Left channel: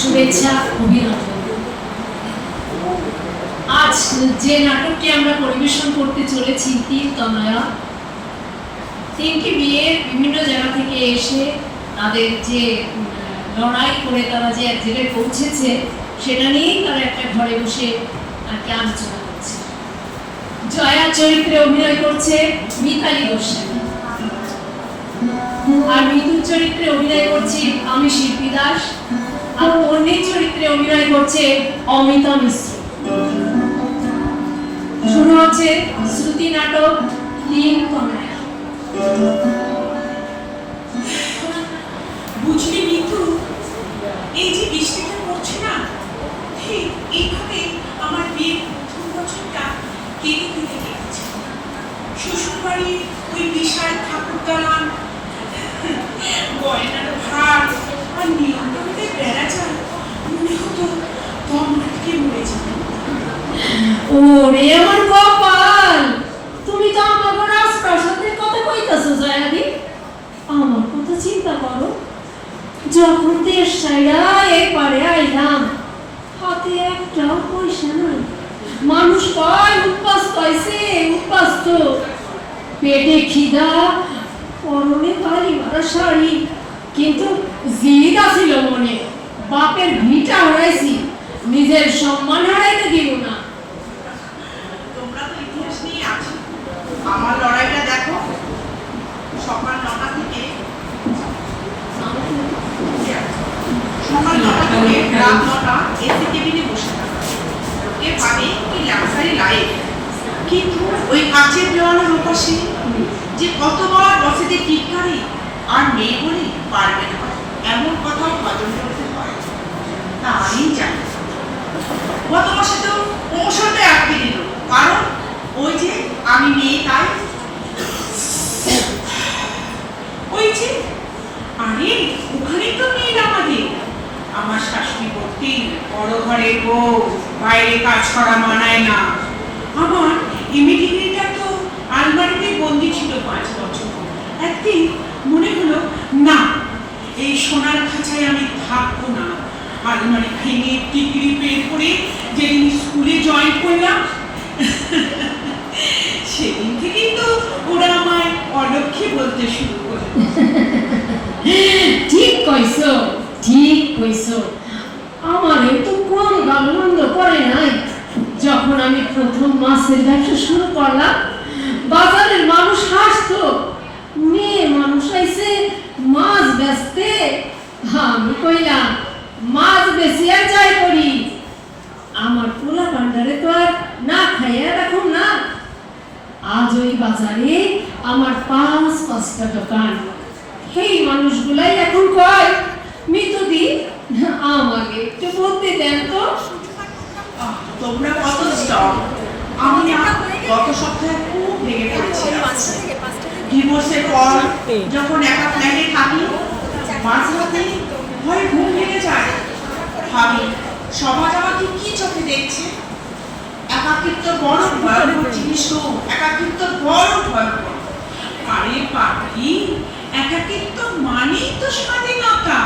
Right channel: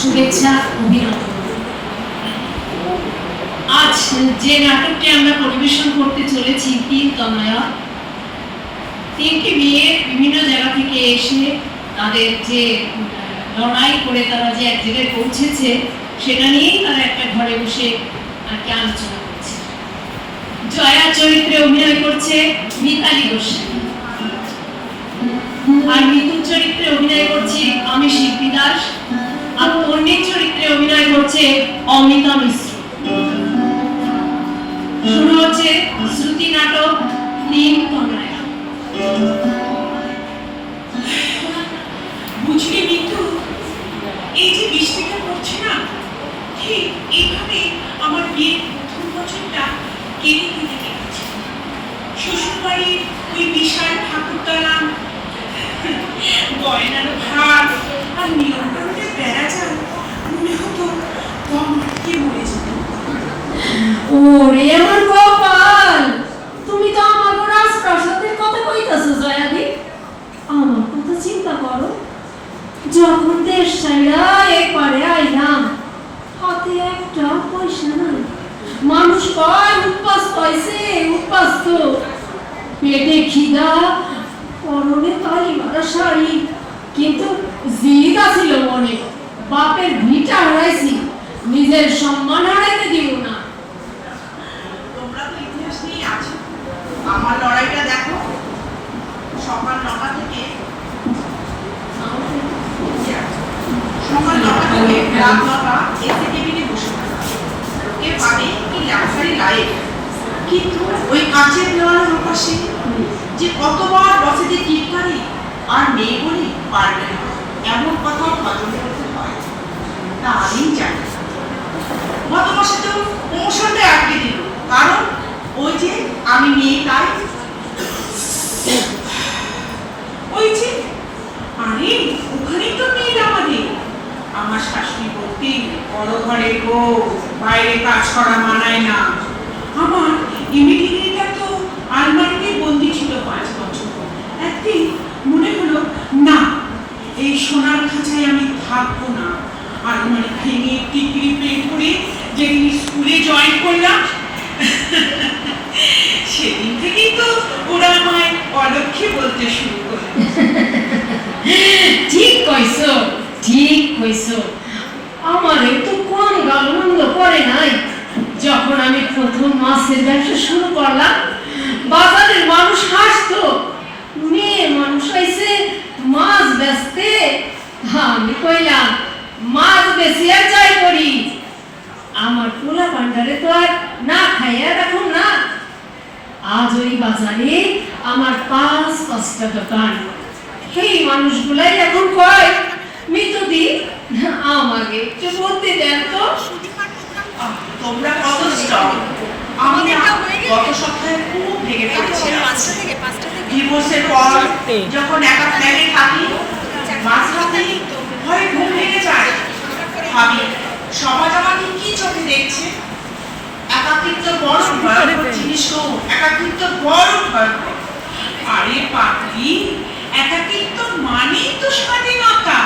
শুভেচ্ছা, অভিনন্দন। আজ যে নাটকটি আমরা পরিবেশন করতে চলেছি, তিন তনয়া, তিনটি মেয়ে বিভিন্ন জায়গা থেকে এসে তাদের যে লড়াই করে তারা যে এক জায়গায় পৌঁছেছে, সেটা নিয়েই তারা একটা ঘরে বসে আর কি আলোচনা করছে। জয়া চরিত্রে অভিনয় করছে মিতালি গোস্বামী, আর মৃত্যুর চরিত্রে অভিনয় করছি আমি শিল্পী দাস, আর তন্বীর চরিত্রে অভিনয় করছে অমিতা মিশ্র। শুরু হচ্ছে শ্রুতি নাটক তিন তনয়া। বুঝলি মিতু, এই যে বৃষ্টিটা পড়ছে না, ঠিক এইভাবে আমার বিয়ের প্রথম বছরটা কেটে কেটে কেটেছে। শ্বশুরবাড়ির ওই বিশাল ঠাকুর দালান, গয়নার ভার আর নিয়ন্ত্রণের বেড়া যায়, মনে হতো তোমাকে মরে যাবে। ওরে আমার কপাল, তুমি তো আমার রাজপ্রাসাদের কথা কইতাছো জয়াদি। আমার কথা চিন্তা করো, যখন দেশ ছাইরা এপারে আইলাম, হাতে একটা পয়সা নাই। মানুষ কয় উৎপাস্ত হইছে, উৎপাস্ত, পেটে খিদা, পরনে কালি মারা শাড়ি, কিন্তু জিদ আছিল মনে, বাপের ভিটা হারাইছি, নিজের সম্মান হারাইতে দিব না। তোমরা তো ইতিহাস নিয়ে আছো, আমার লড়াইটা দেখো। সকাল 9টা থেকে রাত 9টা এসি কেবিনে বসে থাকা, লোকে ভাবে কি লাক্সারি লাইফ, কিন্তু ওই কাচের দেওয়ালের ওপাশে যে কতবার বসেদের টিটকারি আর নেই বলে পারবে না এমন কথা হজম করতে হয়, তা আমি জানি। গত মাসে তো প্রমোশনটা আটকে দিল, কারণ ওই যে আমি মেয়ে তাই। ওই যে আরে ওখানেই তো মেয়ে আমাদের। আমার শাশুড়ি বলতেন বড় ঘরের বউ, বাইরে কাজ করা মানায় না। আমার ইমিডিয়েটটা তো আলমারিতে বন্দি ছিল 5 বছর। একদিন মনে হলো না, এই সোনার খাঁচায় আমি থাকবো না। আলমারি ভেঙে টিকরি বের করে যেদিন স্কুলে জয়েন করলাম, সেদিন থেকেই তো ওরা আমায় অলক্ষী বলতে শুরু করলো। ঠিক কইছো, ঠিক কইছো। আমারে তো কোন গালমন্দ করে নাই। যখন আমি প্রথম মাছের ব্যবসা শুরু করলাম, বাজারের মানুষ হাসতো, মেয়ে মানুষ আইছে মাছ বেচতে। আমি কইলাম মাছ বেশি আর যাই করি, আমার পোলা ভান্ডারে তো আর না খাইয়া রাখুন না। আজ ওই বাজারে আমার 5-5টা দোকান। সেই মানুষগুলাই এখন কয় মিতুদি আমাকে একটু বলতে দেন তো। তোমরা কত স্ট্রং। আমি না গত সপ্তাহে খুব ভেঙে পড়েছি। ডিভোর্সের পর যখন একা ফ্ল্যাটে থাকি, মাঝরাতে ভয় ঘুম ভেঙে যায়। ভাবি সমাজ আমাকে কি চোখে দেখছে। একাকিত্ব বড় ভয়ঙ্কর জিনিস, একাকিত্ব বড় ভয়ঙ্কর। আরে পাপি, একাকিত্ব মানেই তো স্বাধীনতা।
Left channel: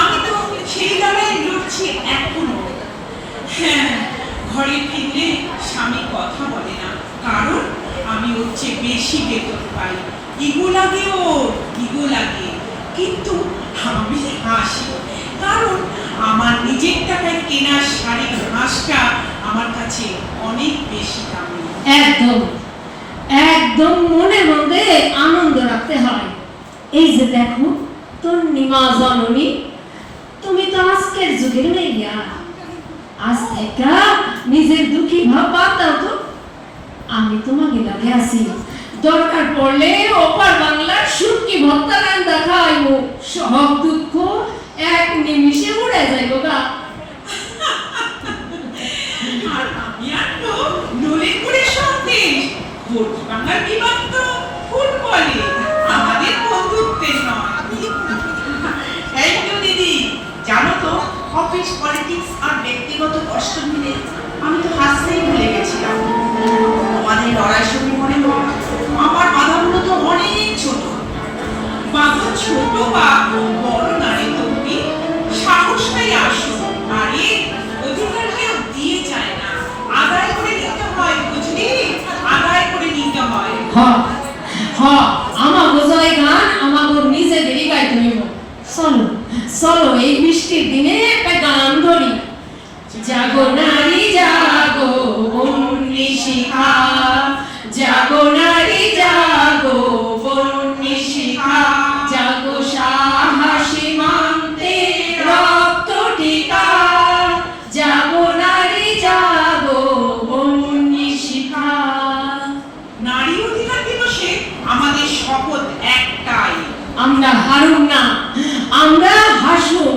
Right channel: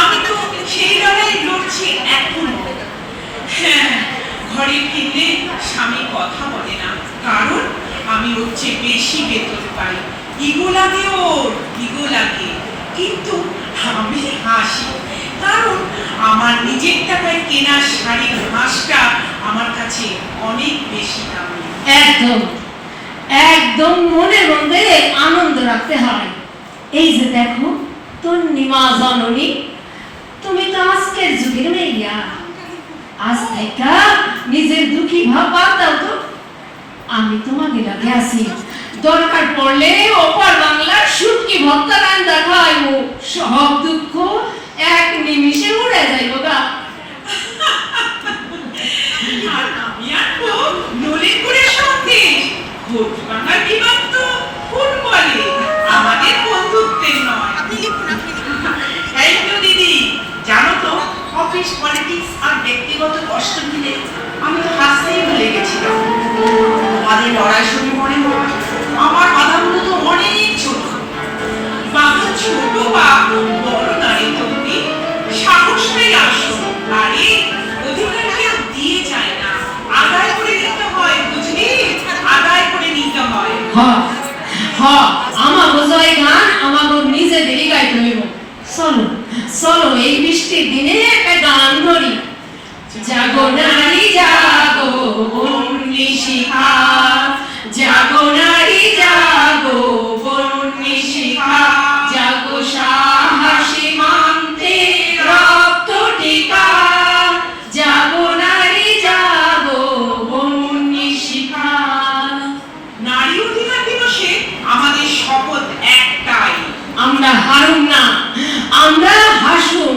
আমি তো সেই লড়াই লড়ছি এখনো। হ্যাঁ, ঘরে ফিরলে স্বামী কথা বলে না, কারণ আমি ওর চেয়ে বেশি বেতন পাই। ইগো লাগে ওর, ইগো লাগে। কিন্তু আমি হাসি, কারণ আমার নিজের টাকায় কেনা শাড়ির হাঁসটা আমার কাছে অনেক বেশি দামি। একদম একদম মনের মধ্যে আনন্দ রাখতে হয়। এই যে দেখো তোর নিমা জননী, তুমি তো আজকের যুগের মেয়েয়া। আজ থেকে নিজের দুঃখী ভাব বাদ দাও তো। আমি তোমাকে লাগে আছি, দরকার পড়লে ওপার বাংলার শুটকি ভর্তা রান্না খাইব, সব দুঃখ এক নিমিষে উড়ে যাইব গা। আর আমি আনবো নলিনপুরের সন্দেশ। ভর্তি বাংলার বিমান তো ফুটবলে, আমাদের বন্ধুত্বের নয়। থ্যাংক ইউ দিদি। জানো তো, অফিস পলিটিক্স আর ব্যক্তিগত কষ্ট মিলে আমি তো হাসতেই ভুলে গেছিলাম। আমাদের লড়াই শুনে মনে হয় আমার বাধাগুলো তো অনেক ছোট। বাধা ছোট বা বড় নারী তুমি সাহস নেই আসো। চলো চলো এই বৃষ্টির দিনে একটা গান ধরি। জাগো নারী জাগো বন্যী শিখা, জাগো নারী জাগো বন্যী শিখা, জাগো সাহসী মানতে রক্ত টিকা, জাগো নারী জাগো বন্যী শিখা। নারী অধিকার দিবসে আমাদের শপথ একটাই, আমরা হারুম না, আমরা হাসুম।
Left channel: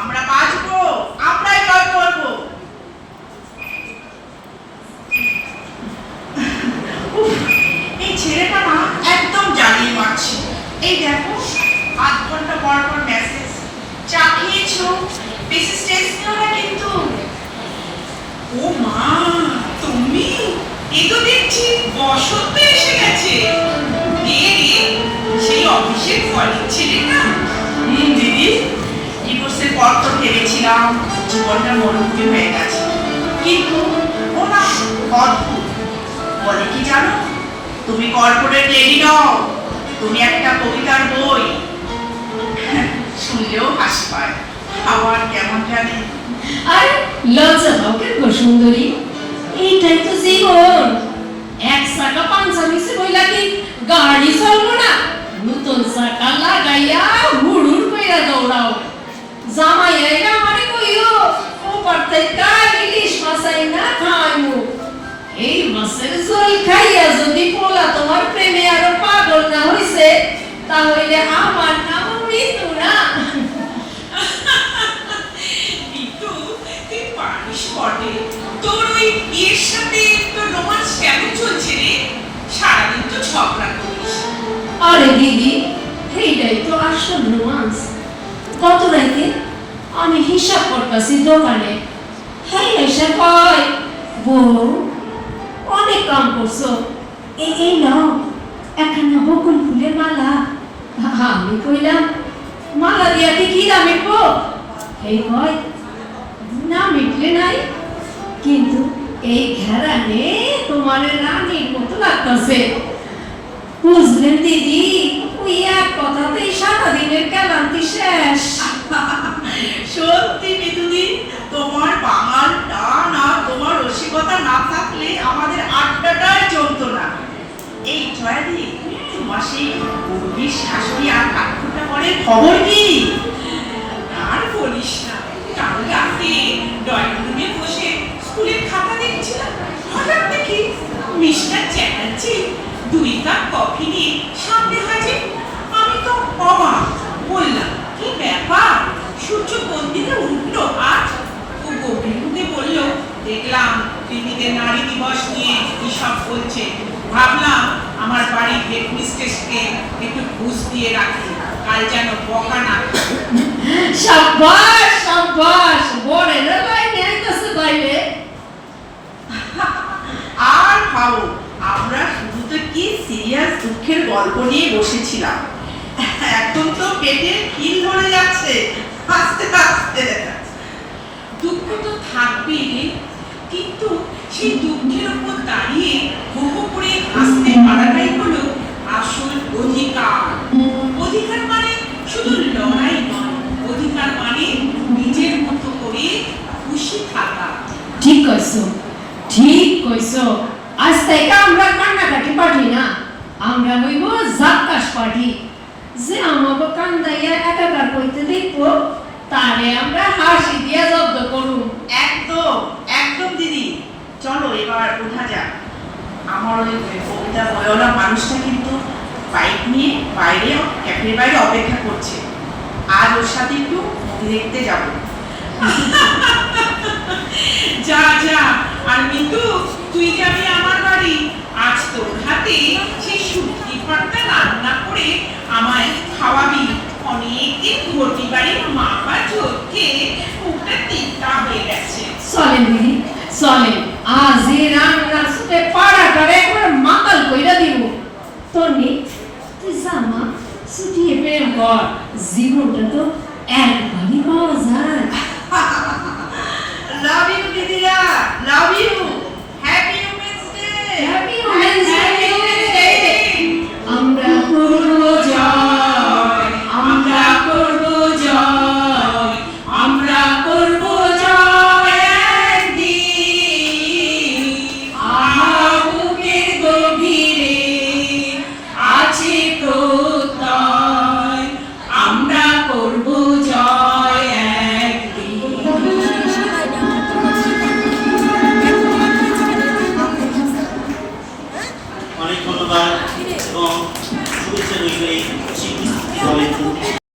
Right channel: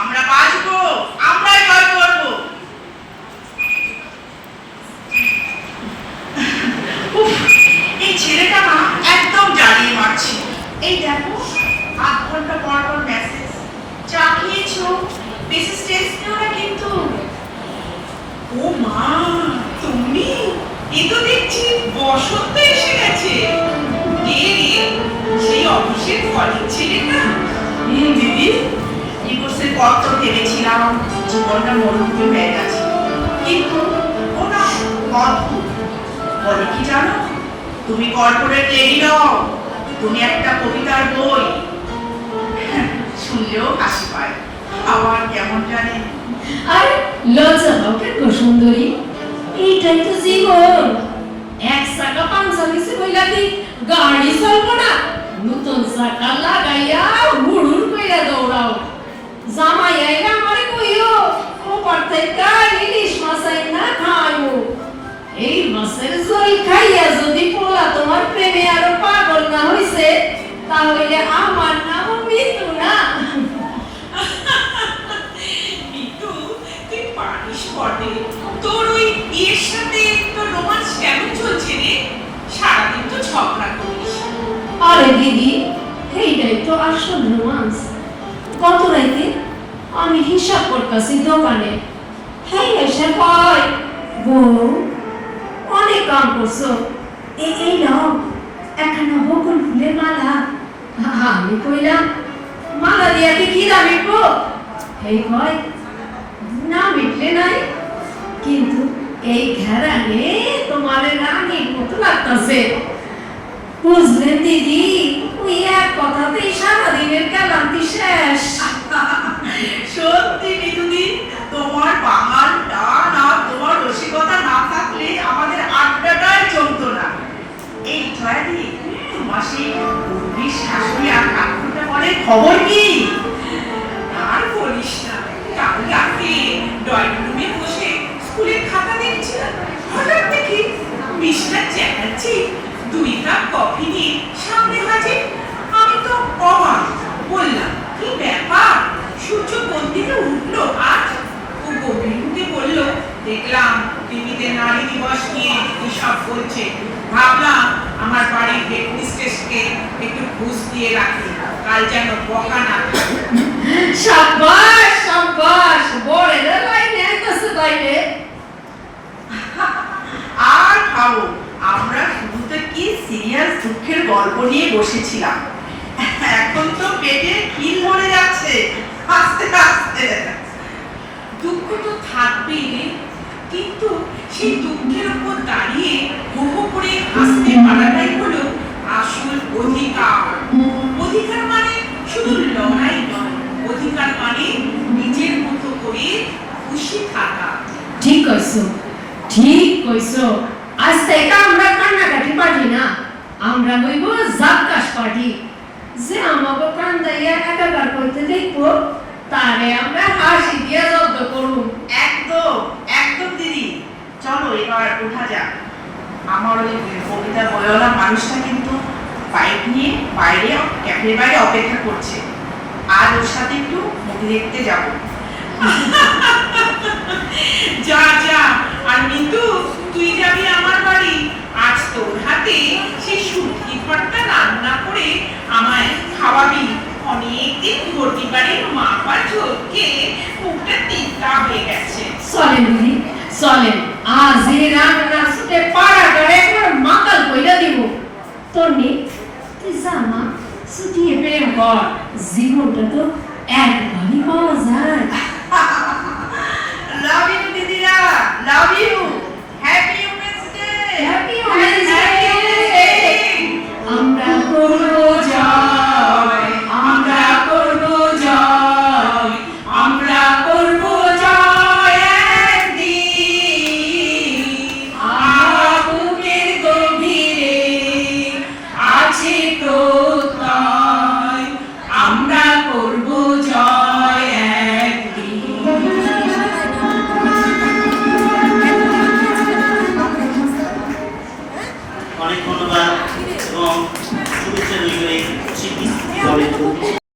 আমরা বাঁচবো, আমরাই জয় করবো। উফ, এই ছেলেটা না একদম জ্বালিয়ে মারছে। এই দেখো ৮ ঘন্টা পর পর মেসেজ, চা খেয়েছো, বেশি স্ট্রেস নিও না কিন্তু। ও মা, তুমি? এ তো দেখছি বসন্ত এসে গেছে। কে রে? সেই অফিসের কলিগ ছেলেটা? দিদি, ডিভোর্সের পর তো ভেবেছিলাম জীবনটা মরুমুখী হয়ে গেছে, কিন্তু ও না অদ্ভুত। বলে কি জানো, তুমি কর্পোরেট লেডি নও, তুমি একটা কবিতার বই। শুনলেও হাসি পায়, আবার কেমন জানি। আরে লজ্জা পাও কেন সুন্দরী? এইটাই তো জীবন। এক চাকা পাঞ্চা মিশে বইলা কি গাড়ি চলবো না? নতুন চাকা লাগাইয়া হুড়ুর কইরা দৌড়াও। জামাই আইনা আমারে কইও ওপার থেকে ইলিশ মাছ আইনা খাইমু। এই মাছের ঝোল খাইয়া যদি পোলা তোমার প্রেমে আরো পাগল না হইছে, তাহলে আমার নাম মৃত্যু না। কিন্তু তুই পারিস বটে, তোর ওই এর সাথে তোর রোমান্স কেমন চলছে রে? সারাদিন তো ঝগড়া করিস। আরে দিদি, এইটাই তো আসল রোমান্স। গত রাতে আমি হিসাব করতেছি দোকানে, হ্যাঁ এসে কয় বউ অনেক কাম করছো, এই নাও একখানা বকুল ফুলের মালা। আমি কইলাম মালা দিয়া কি দাম মিটবো? এই কয় না মিটলে নাই, কিন্তু এই ঘেরানে তোমার রানীর মতো লাগতেছে। বুঝলেন দিদি, ওই এক কথাতেই সারাদিনের ক্লান্তি শেষ। সত্যি মিতুদি, তোমার বাঙাল টান আর তোমার রসিকতা না থাকলে আমাদের আড্ডাটাই চলতো না। এই জয়াদি, তোমার সেই গর্বির শাশুড়ি আর কাকুটা পরে খবর কি? আর বলিস না, কাল রাতে ড্রয়িং রুমে বসে স্কুলের খাতা দেখছিলাম, হঠাৎ দেখি মিস্টার চ্যাটার্জি 2 কাপ কফি নিয়ে সামনে হাজির। আমি তো অবাক, বললাম কি ব্যাপার, সূর্য কোন দিকে উঠলো আজ? ও গভীর মুখে বলল, দেখলাম টিভিতে নারী দিবস নিয়ে এসব বলছে, ভাবলাম আমার বাড়ির হেডমিস্ট্রেসকে একটু ঘুষ দিয়ে রাখি, কাল যেন বকা না খায়। সাব্বাস সাব্বাস, বড়ের লাইনে আইতাছে বাইরে। আর ভাবো, আমরা শুধু তো কি সিরিয়াস দুঃখের গল্প নিয়ে বসেছিলাম, এখন তো পেটে খিল ধরে যাচ্ছে আস্তে আস্তে। দুঃখ তো থাকবেই, কিন্তু সেই দুঃখের উপর দাঁড়িয়ে হো হো করে হাসতে পারাটাই হলো আসল অধিকার। অধিকার মানে শুধু লড়াই নয়, অধিকার মানে নিজের মতো করে খুশি থাকা। ঠিক কইছো, ঠিক কইছো। আজ থেকে আমরা কান্নাকাটি পার্টি না, আমরা হইব জাক্কাস পার্টি। যে আমাকে কান্দাইয়া একাকার করতে দেখবো, তারে আমরা হাসি দিয়া জব্দ করব। একদম একদম দিদি, চলো এবার উঠা যাক। আমার ওই কবিতা বইওয়ালা মানুষটা কিন্তু বাইক নিয়ে বাইরে ক্যাফের বাইরে অপেক্ষা করছে, আজ ওর সাথে একটু মুভি দেখতে যাব। যা যা, আর মিতু তুই যাবি আমার বাড়ি, আজ তোর হাতে সেই শুটকি ভর্তা রান্না করে আমায় খাওয়াবি। অনেকদিন ঘটি বাড়ির মাপা ঝোঁকে মুখটা তিতা হয়ে গেছে। চলেন দিদি চলেন, আজ এই রান্নার সাথে পাড়াটারে একবার মাতাল কইরা দিব। তন্নি তুই জামা ছুটিয়ে প্রেম কর, জীবনটা তো একবারই পাওয়া যায়। লাভ ইউ দিদিরা, love you, happy women's day, happy women's day. আমরা করব জয়, আমরা করব জয়।